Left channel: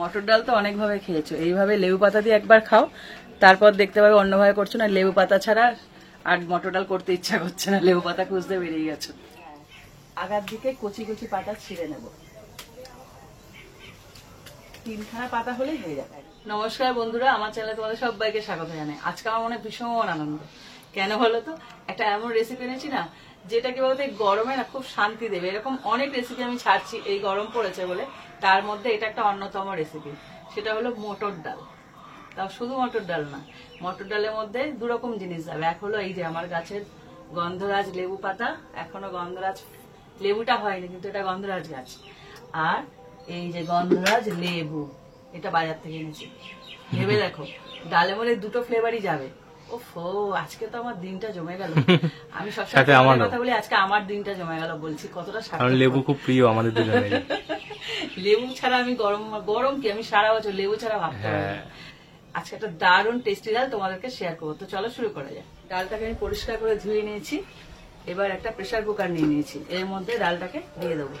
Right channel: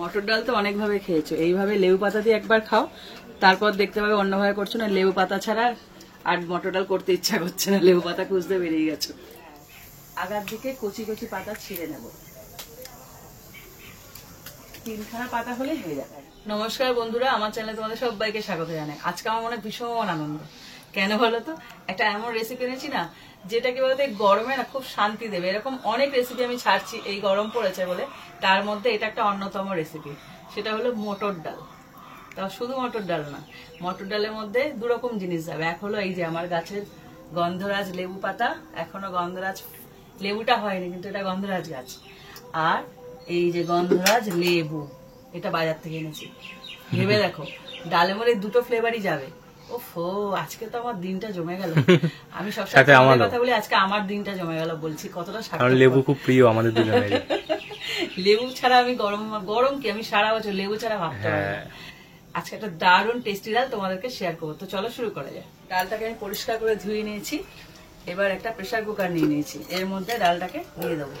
মটর ডাল তো অনেক ভাবে খেয়েছো, এইভাবে লেবু পাতা দিয়ে একবার খাও, তারপর দেখতে পাবে অন্যভাবে করছো না। লেবু পাতা ছাড়া আর মটর ডাল করতে ইচ্ছা করছে না, লেবু পাতা খুঁজতে বেরিয়ে গেছো। আগার দিকে কচি কচি পাতা ছিঁড়ে নেব, 3খানা পাতা হলেই হয়ে যাবে। নমস্কার বন্ধুরা, আমার চ্যানেলে তোমাদের সবাইকে স্বাগত জানাই। আজকে আমার মনে ভীষণ আনন্দ, কেন বলো তো? একটা এমন রেসিপি এনেছি না, যেটা কি বলতো গরমে না খুব শান্তি দেবে। এরকম অনেক রেসিপি আমি ছাড়ছি, এই গরম পড়েছে বলে, তার মধ্যে এটা একটা অন্যতম রেসিপি। সেটা হলো মটর ডাল। তাও শুধু মটর ডাল না, মটর ডালের মধ্যে দুরকম জিনিস যাবে। এক হলো এই যে আমার গাছের গন্ধরাজ লেবু পাতা, এখনো গন্ধরাজ লেবুটা হয়নি, কিন্তু এটা গন্ধরাজ গাছ। আর এই যে গন্ধরাজ লেবু, এটা বাজার থেকে এনেছি। ভেবে দেখো, ডালের মধ্যে দুটো ফ্লেভারই যাবে। ওফো, আজকে তো আমার দিনটা জমে গেল। আমি সবসময় কথা বলি, আজকে আমার দিনটা জমে গেল। বলছি কতটা সাথে, লেবু খুব প্রিয় আমাদের দুজনের। লেবু ছাড়া আমি গরম কি আমি সারা বছর লেবু ছাড়া ভাবতে পারি না। আজকে একটা দারুণ টেস্টি ডাল তোমাদেরকে শেয়ার করবো। তো চলো শুরু করা যায়। ডালটাকে আমি পরিষ্কার করে ধুয়ে নিয়েছি। এবার একটা প্রেসার কুকার নিয়ে নিয়েছি, এর মধ্যে ডালটাকে দিয়ে দেবো।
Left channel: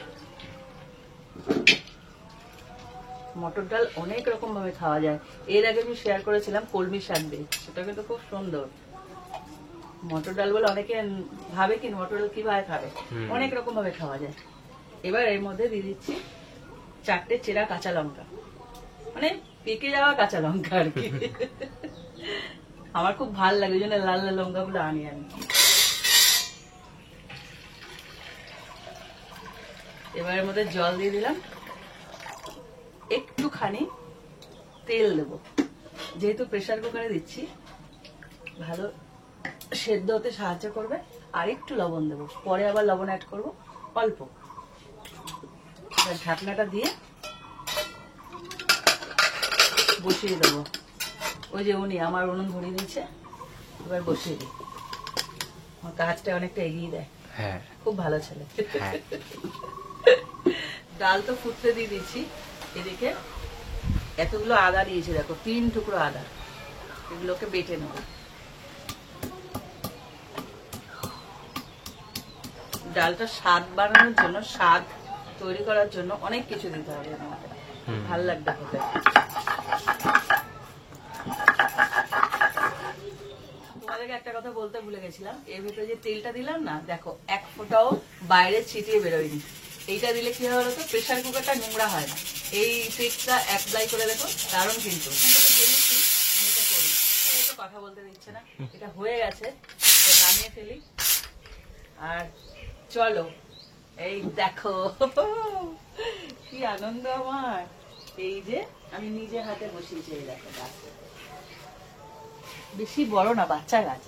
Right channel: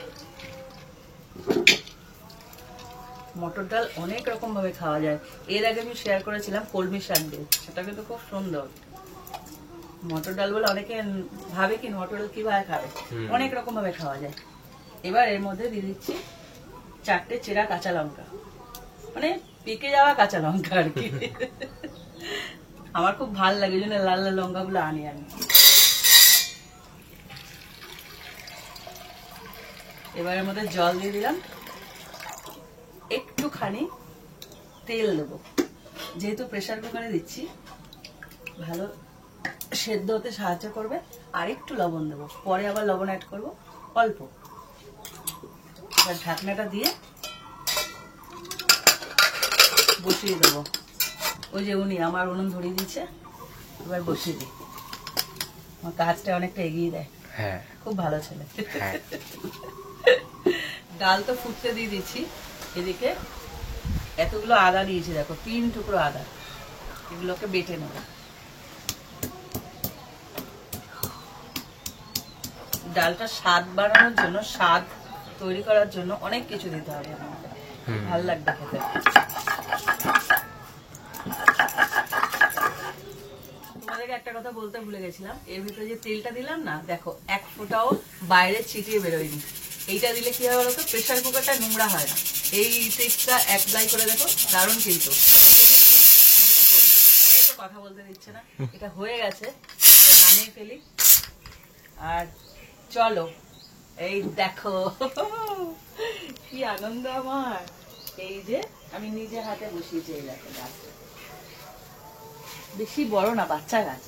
মটর ডাল অনেক রকম ভাবে খাওয়া যায়। এর আগে আমি শেয়ার করেছিলাম কলমি শাক দিয়ে, সেটা কিন্তু খুব সুন্দর। মটর ডাল বলে অনেকে ভাবে কি মটর ডাল কিভাবে খাবে, অনেক রকম ভাবে খাওয়া যায়। এবার এর মধ্যে দিয়ে দিচ্ছি 4টে চেরা কাঁচা লঙ্কা, মানে পেকে যাওয়া কাঁচা লঙ্কা আর কি। আমার খুব ভালো লাগে, ওই জন্য লাল লাল লঙ্কাগুলো আনি আমি। এবার এর মধ্যে জল দিয়ে দিলাম, একটুখানি তেল দেবো। যেহেতু প্রেসার কুকারে দিচ্ছি, ভালো সেদ্ধ হতে সাহায্য করবে। আর একটু লবণ দেবো, পরে আবার লবণ অ্যাড করবো অল্প। ঢাকনাটা দিয়ে বসিয়ে দেবো। ওই যে উনি আমার উনুন ধরিয়ে দিচ্ছে, এবার বসিয়ে দিই। আমার কাজটা অনেকটা এগিয়ে দেয়। হ্যাঁ, খুব ভালো ছেলে। ডাল তো ফুটতে দিয়ে দিচ্ছি। এদিকে এতগুলো আদা দিয়েছি, দেখো 3 টুকরো আদা, এগুলোকে বেটে নেব। ডালটা স্বাদ বাড়ানোর জন্য, স্বাদ তৈরি করার জন্য অনেক কিছু দিতে হবে, ভালো লাগবে খেতে। তোমাদেরকে একটা কথা বলতে ভুলে গেছিলাম, এর ভিতরে যে তেলটা দিলাম না, দেখো 1 ফোঁটাও বাইরে ছিটিয়ে বেরোয়নি। এইটা দিলে কি হবে বলতো, প্রেসার কুকারটা নোংরা হয় না। এই ট্রিকটা অ্যাপ্লাই করে দেখো, দারুণ কিন্তু। কথা বলতে দিচ্ছে না, এটা হয়ে গেছে, নামিয়ে ফেলি। আর চলো, এই দেখো কি আনন্দ আমার। এই যে আমি নিজে হাতে বসিয়েছি, এই দেখো গাছটা বেশি বড় না, বাচ্চা গাছ।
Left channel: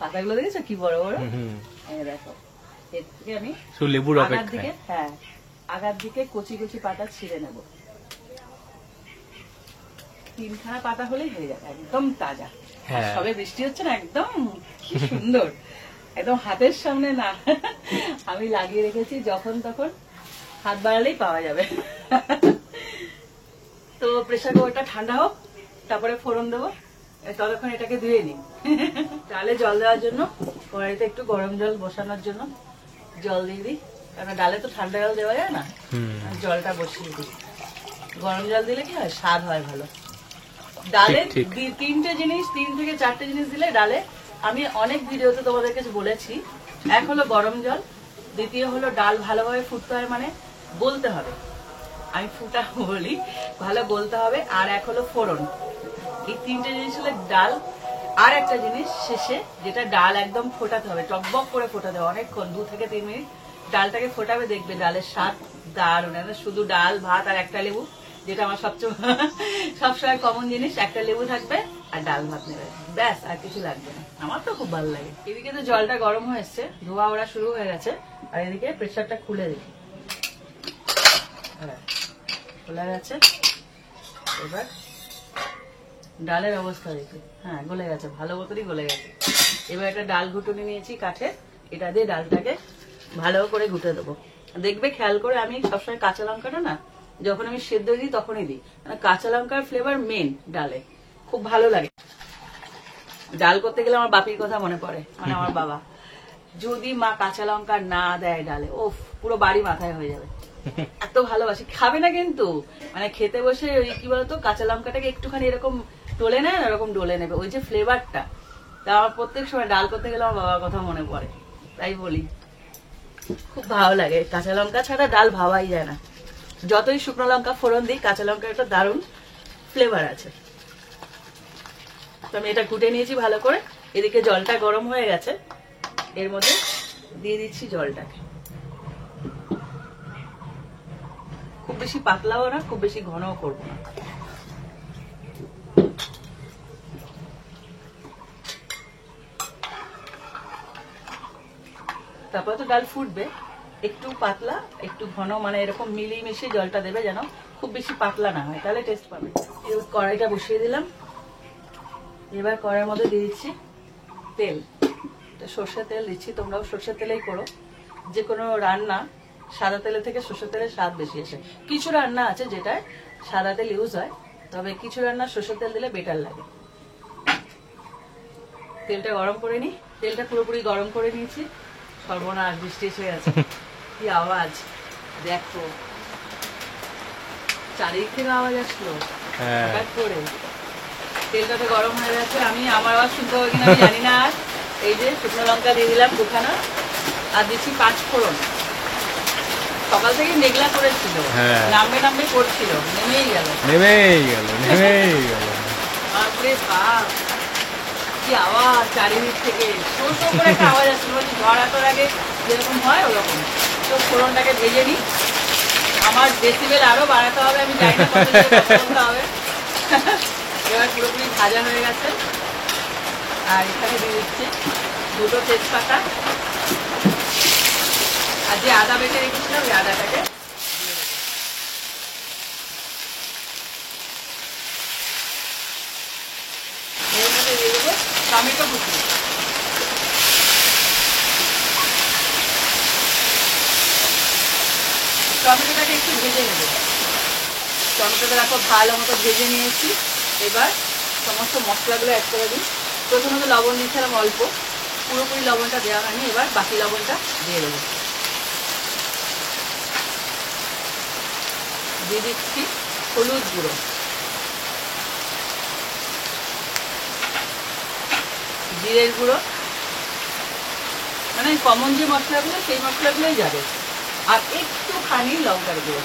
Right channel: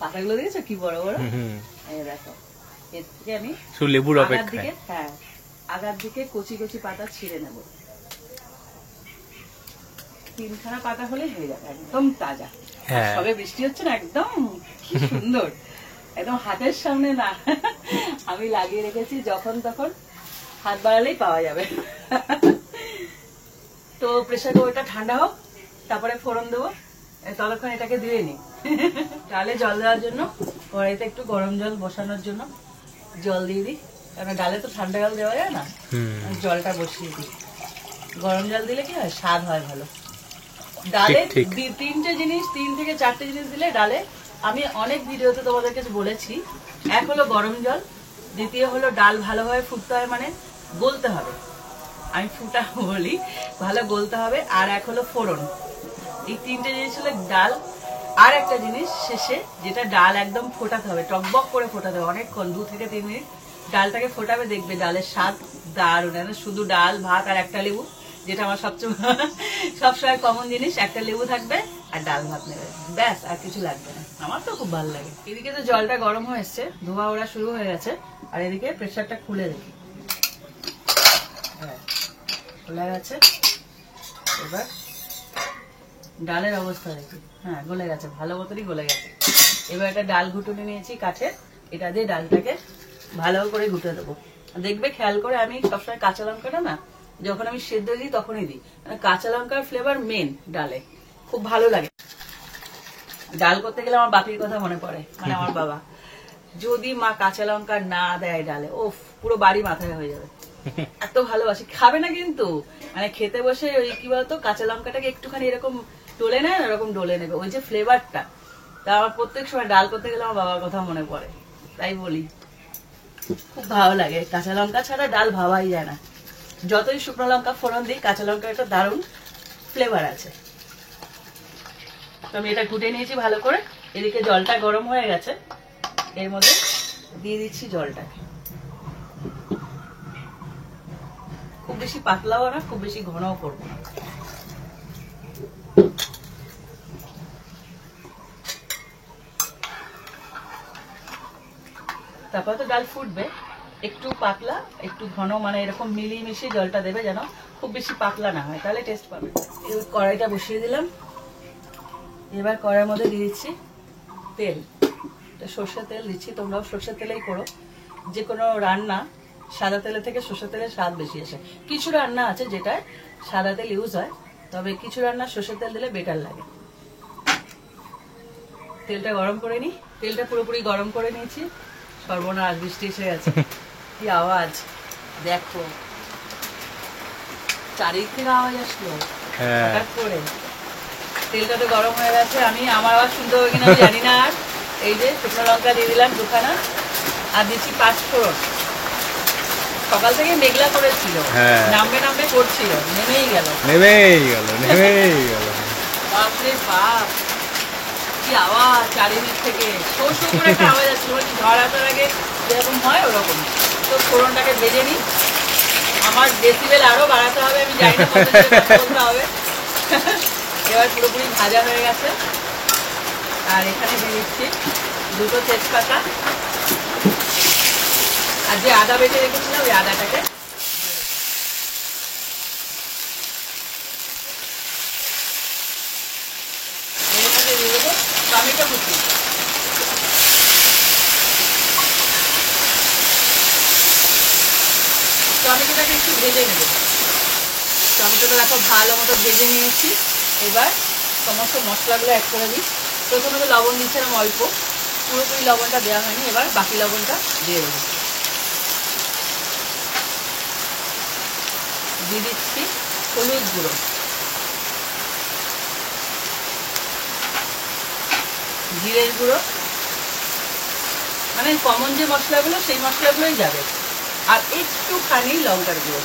পাতাগুলো দেখেছো কি বড় বড়? এই দেখো, এর থেকে আমি লেবুর অপেক্ষায়, হ্যাঁ, আগার দিকে কচি কচি পাতা ছিঁড়ে নেব। 3খানা পাতা হলেই হয়ে যাবে, একদম তাজা। সবে বৃষ্টি হচ্ছে না, একদম কি সুন্দর, একদম হাতের সামনে না। আমি লাগিয়ে রেখেছি, যখন তখন হাত বাড়ালেই পাওয়া যাবে। তো প্রেসার কুকারটা ঠান্ডা হোক, তারপরে ফোড়ন দেবো। ততক্ষণ এটাকে ধুয়ে নিই। ডালে জল দেওয়ার জন্য কড়াইতে একটু গরম জল বসানোর জন্য জল দিয়ে দিই, কারণ ডালে তো ঠান্ডা জল দেওয়া যায় না। জলটা বসিয়ে দিই। গরম জল দিলে কি হয়, স্বাদ হয় ভালো। ডালে 3 থেকে 4টে জিনিস দিলে ডালে, আমি অনেক ভিডিওতে তোমাদেরকে বলেছি। এক হলো গরম জল, দ্বিতীয় হলো ডাল ভালোভাবে ফুটতে হয়, মানে গলতে হবে। আমি ফুটা বলি, ভালো গলতে হবে। আর এক হলো ফোড়ন। এই 3টে জিনিস হলো ডাল। আর একটা জিনিস শেষে, যেটা ডাল একদম ফোটাতে হবে, টকবক করে ফোটাতে হবে অনেকক্ষণ, 2 থেকে 3 মিনিট ডালটাকে ফোটাবে, দেখবে ডালের স্বাদ দারুণ। শুধু ডাল, ভাত আর একটা লেবু, যেটা আমার সবসময় কমন জিনিস, একটা লেবু থাকবে আর ডাল ভাত নেবে, ব্যাস, আর কিছু লাগবে না। আমার তো খুব ভালো লাগে। এদিকে তো জলটা গরম হয়ে এসছে, ধোয়া ওড়া শুরু হয়ে গেছে। আর এদিকে প্রেসারটা খুলে দেখি, হ্যাঁ খোলা গেছে। এবার ডালের অবস্থা দেখি, হ্যাঁ গলে গেছে, ভালো মতনই গলে গেছে। এবার একটা ডাল ঘুটুনি নিয়েছি কাঠে, এটা দিয়ে ডালটাকে ভালো করে ঘুটে দেবো। দেখবে খেয়াল করে, আমি সবসময় কাঁচা লঙ্কাটা না, যখন আমি সেদ্ধ দিই তখনই দিই, মানে কাঁচা লঙ্কার ফ্লেভার মেন ডালে, খুব ভালো লাগে। ডাল করতে গেলে আমার বাপির কথা মনে পড়ে, মানে আমার বাবা, যদি মা কাঁচা লঙ্কা না দেয় ডালে, ও পুরো বাড়ি মাথায় হয়ে যাবে। এত ভালোবাসি, খাবে না কিন্তু মানে খেতে বসে ওই কি বলতো কাঁচা লঙ্কাটাকে একটুখানি এরকম ডলে নেয়, এরকম ডলে নেবে, ওই যে ফ্লেভারটা। তা আমার প্রত্যেক সময় ডাল করতে গেলে আমার বাবার কথা মনে পড়ে, তাই বলি খুব ভালো লাগে। কাঁচা লঙ্কা ছাড়া ডাল ভাবাই যায় না, যতই শুকনো লঙ্কা ফোড়ন দিই কাঁচা লঙ্কার একটা দারুণ ফ্লেভার আছে। তো আমি এটা কুটে নিয়েছি ভালো করে, এদিকে জলটা গরম হয়ে গেছে, এর মধ্যে দিয়ে দিচ্ছি জলটা। খুব বেশি পাতলাও না, খুব বেশি ঘনও করবো না। তারপর তো ডাল ফুটবে, একটু পাতলা একটু ঘন, মানে এরকম মিলিয়ে মিশিয়ে জলটা দেবে, যেন খুব বেশি পাতলা না হয়, তাহলে টেস্ট পাবে। এবার কড়াইটা বসিয়ে দিলাম, এবার কড়াইয়ের মধ্যে দিয়ে দিচ্ছি তেল। সর্ষের তেল দিচ্ছি, তোমরাও সর্ষের তেলেই করো। যে কোনো রান্না সাদা তেলের থেকে সর্ষের তেলের স্বাদ বেশি আসে। কিছু রান্না আছে যেটায় সাদা তেল ইউজ হয়, তবে কিছু রান্না সর্ষের তেল দিলে বেটার লাগে। তেলটা গরম করে নি, তেলটা পুরোপুরি গরম করে নিয়েছি। সর্বনাশ, বৃষ্টি এসে গেছে, কি আওয়াজ দেখো, চারিদিক থেকে আওয়াজ আসলো হঠাৎ করে। তেলটা তো গরম হয়ে গেছে, আমি আমার আওয়াজ শুনতে হবে কিনা জানি না। আর এই যে শুকনো লঙ্কা দিয়ে দিলাম দুখানা, আর দিচ্ছি 5 ফোড়ন। সকাল থেকে মেঘলা করেছিল, নামবে নামবে করছিল, নেমেই গেল। বাপরে বাপ, কি আওয়াজ চারিদিক থেকে, শো শো করে একটা আওয়াজ আসছে, ঝড় আসার আগে যেরকম হয় ওরকম। তো ফোড়নটাকে ভেজে নিই, আমার ডেসিবেল আরো বাড়াতে হবে, আমি জানি না কত জোরে কথা বলতে হবে। এবার পুরোপুরি ভাজা হয়ে গেছে, আর এখানে দিয়ে দিচ্ছি 2টো তেজপাতা, আর যে আদা বেটে রেখেছিলাম ওই আদাটাকে এর মধ্যে দিয়ে দেবো টমেটো কুচি। টমেটোটাকে একটু ভেজে নেবো, টমেটোটা দেখো ভালো মতো ভেজে নিয়েছি। এবার সমস্ত মশলাগুলো অ্যাড করে দিই। প্রথমে তো লবণ দিচ্ছিলাম অল্প, পুরোপুরি লবণটা দেওয়া হয়নি, এবার বাকি লবণটা দিয়ে দেবো। দিয়ে দিচ্ছি হলুদ গুঁড়ো, জিরের গুঁড়ো, মানে কমন যে মশলাগুলো সেই মশলাগুলোই যাবে, আর একটুখানি লঙ্কার গুঁড়ো,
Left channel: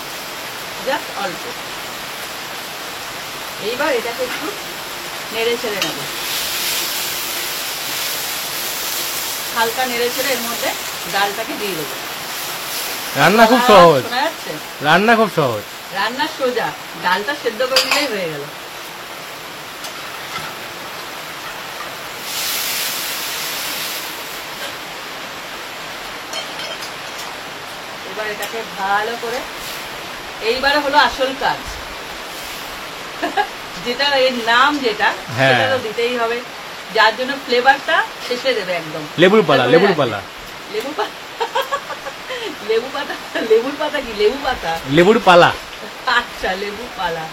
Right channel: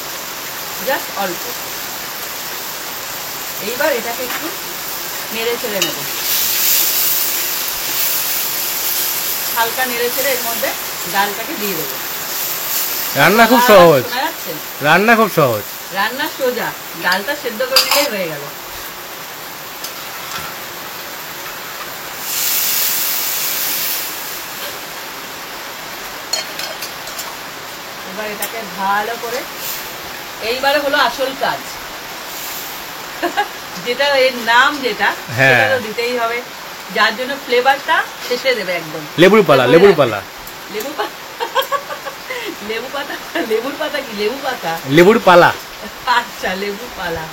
জাস্ট অল্প। এইবার এটাকে একটু নেড়ে ছেড়ে নেব, হালকা নেড়ে ছেড়ে এর মধ্যে ডালটাকে দিয়ে দেবো। রান্না খুব সহজ, রান্না খুব সহজ, রান্না সোজা, ডালটা সেদ্ধ করে দিলেই হয়ে গেল। এবার এটাকে ভালো করে, এইবারে হলো আসল কাজ, যেটা এর নাম যেটা সেটা তো দিতেই হবে, যার জন্য ফ্লেভারটা শেষে দেবে একদম। লেবুর পালা, লেবুর পালা, লেবু পাতা, লেবু পাতা, লেবুর পাতা কি, লেবু পাতা, লেবুর পালা। আচ্ছা, লেবু পালা।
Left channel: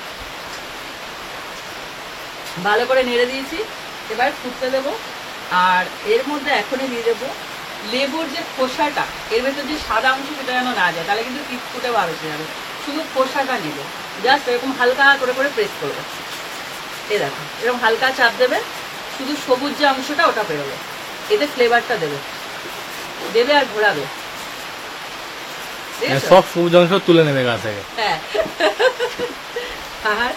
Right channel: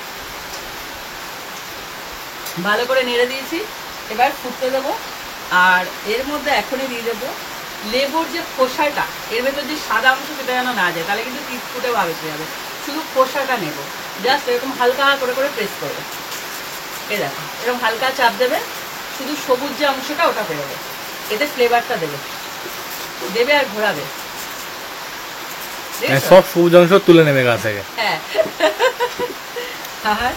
ভালো করে নেড়ে দিয়েছি, এবার ফুটতে দেবো। আর এর মধ্যে এখনই দিয়ে দেবো লেবুর যে খোসাটা, এর ভেতর যে সাদা অংশ সেটা যেন না যায়, তাহলে কিন্তু ফুটে ভাবেছে যাবে। শুধু খোসাটা নেব, জাস্ট এরকম হালকা করে করে প্রেস করবো। এ দেখো, এরকম হালকা চাপ দেবে, শুধু সবুজ যে অংশটা ওটা বেরোবে, এতে ফ্লেভারটা দেবে দেবে আর ঘোরাবে। সব সবুজ অংশ তুলে নেবে গাছ থেকে। হ্যাঁ, আর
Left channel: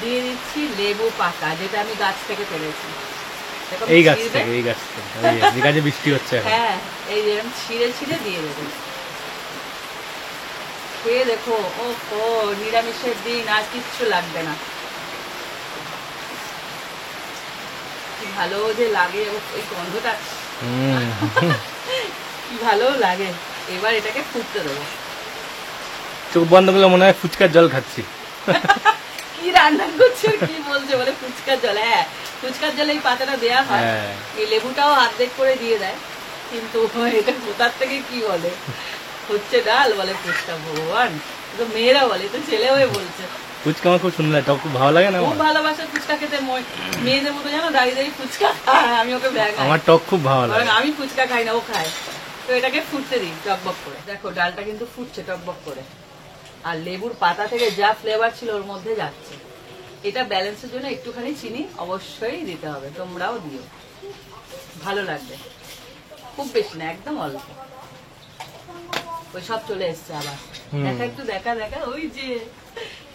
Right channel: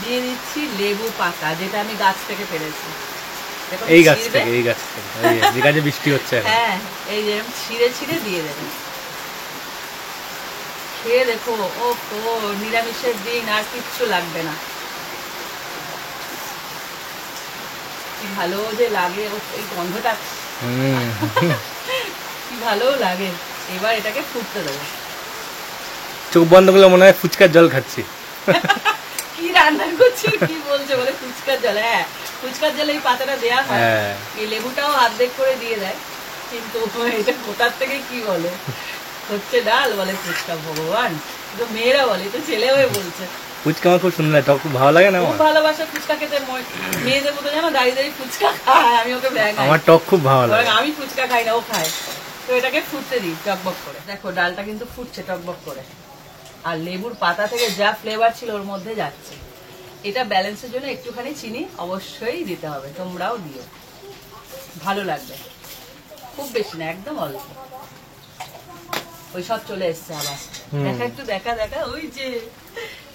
দিয়ে দিচ্ছি লেবু পাতা, যেটা আমি গাছ থেকে পেরেছি। এই গাছ থেকে, এই গাছ থেকে, যে গাছে বৃষ্টি হচ্ছে। হ্যাঁ, এই যেরকম ছিঁড়ে ছিঁড়ে দিয়ে দেবে। খেয়ে দেখো, ও নিরামিষের দিন আর কিচ্ছু লাগবে না, কি ভালো যে লাগে ওই গন্ধটা, কি ভালো লাগে। এবার এটাকে ফুটতে দেবো। চোখ বন্ধ করলে মনে হয় ফুচকার জল খাচ্ছি। কি রান্না করছে, কি বলছে, বলে ফুচকার জল। হ্যাঁ, ফুচকার জলে এই পাতাটা দেওয়া হয়, এই লেবুটাও অর্ধেক করে দিয়ে দেয়, কিন্তু এটা কোথার থেকে কি বলে, হচ্ছে ডাল বলে ফুচকা। ভগবান, তো মেয়েরা বলে, তো ছেলে হয়ে বলছে। ফুচকা আমার খুব সুন্দর, টক খুব ভালো লাগে না, খুব ভালোবাসে ফুচকা খেতে। মেয়েদের মতো জানো দাঁড়িয়ে দাঁড়িয়ে ফুচকা খায়, আমি ওকে ব্যাগ, আমার টক খুব ভালো লাগে। আমি ফুচকা খাই না, ও খায়। তো এটাকে ফুটতে দিই টকবক করে। দেখো ডালটা কিন্তু ফুটছে টকবক করে, আর লেবুর পাতা থেকে যা ফ্লেভার ছিল ওর মধ্যে যাচ্ছে। এটা ব্যালেন্সের জন্য একটুখানি চিনি অবশ্যই দিতে হবে, তোমরাও দিও, ভালো লাগবে। খুব বেশি না, একদম অল্প। ওই সব চলে এসছে আবার, দেখা একটু দেখা দেখা, ওই যে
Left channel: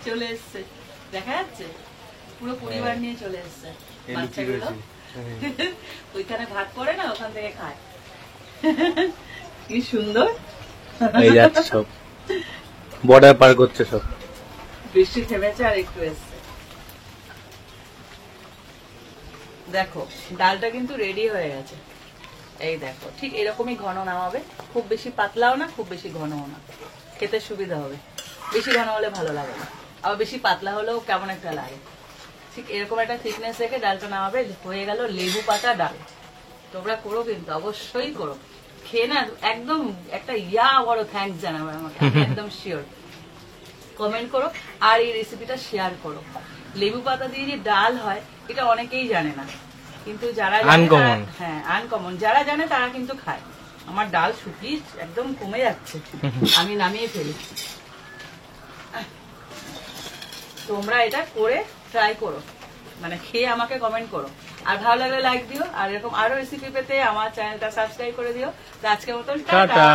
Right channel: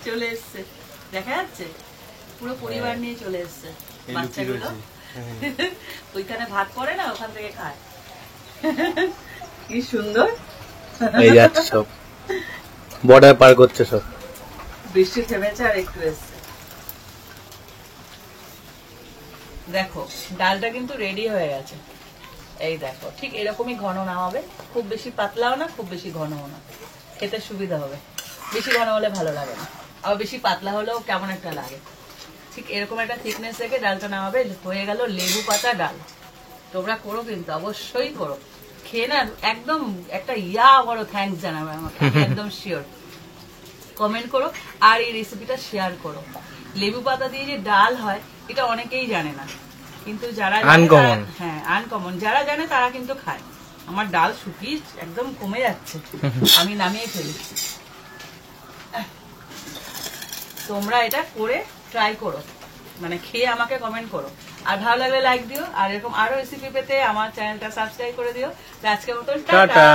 চলে এসছে, দেখা যাচ্ছে পুরো পরিবার নিয়ে চলে এসছে বাচ্চাগুলো। ওইখানে ভাত পড়ে না, ওখান থেকে খায়। কি সুন্দর। এই যাচ্ছে সব, বর্ডার পার করছে সব। বৃষ্টি থেমেছে আর একটু এসছে। দেখো ডালটা কিন্তু রেডি হয়ে গেছে। এই দেখো ঠিক এরকমই ঘন না হবে, খুব বেশি পাতলাও না, খুব বেশি ঘনও না, খেতে সুবিধা হবে। বেশি ঘন হলে ভালো লাগে না, আবার বেশি পাতলা হলেও কেমন একটা লাগে। ঠিক এরকম একটা থিকনেস রেখে ডালটা নামাবে, হয়ে গেল লেবু পাতা ডাল। তোমরা করো কিন্তু, অবশ্যই করো, খেয়ে না একদম একটা বড় থ্যাঙ্কস জানাবে আমাকে, একদম শিওর। কমেন্ট করো আর এই রেসিপিটা শেয়ার করো। লেবু পাতা দিয়ে যে ডাল হয় এটা অনেকেই জানে না, কিন্তু যারা আনকমন, হ্যাঁ আনকমন, যারা জানে তারা কিন্তু খায়। আমার ডাল শুকিয়ে একদম কমে যাচ্ছে, আমি নামিয়ে ফেলি। তোমরা এটা করে ট্রাই করো, মানে খেয়ে আমাকে কমেন্ট করো। আর ভালো লাগলে লাইক দিও, আর এরকম আরো রেসিপি পেতে আমার চ্যানেলটা সাবস্ক্রাইব করে দিও। তো আজকের মতন টাটা। টাটা।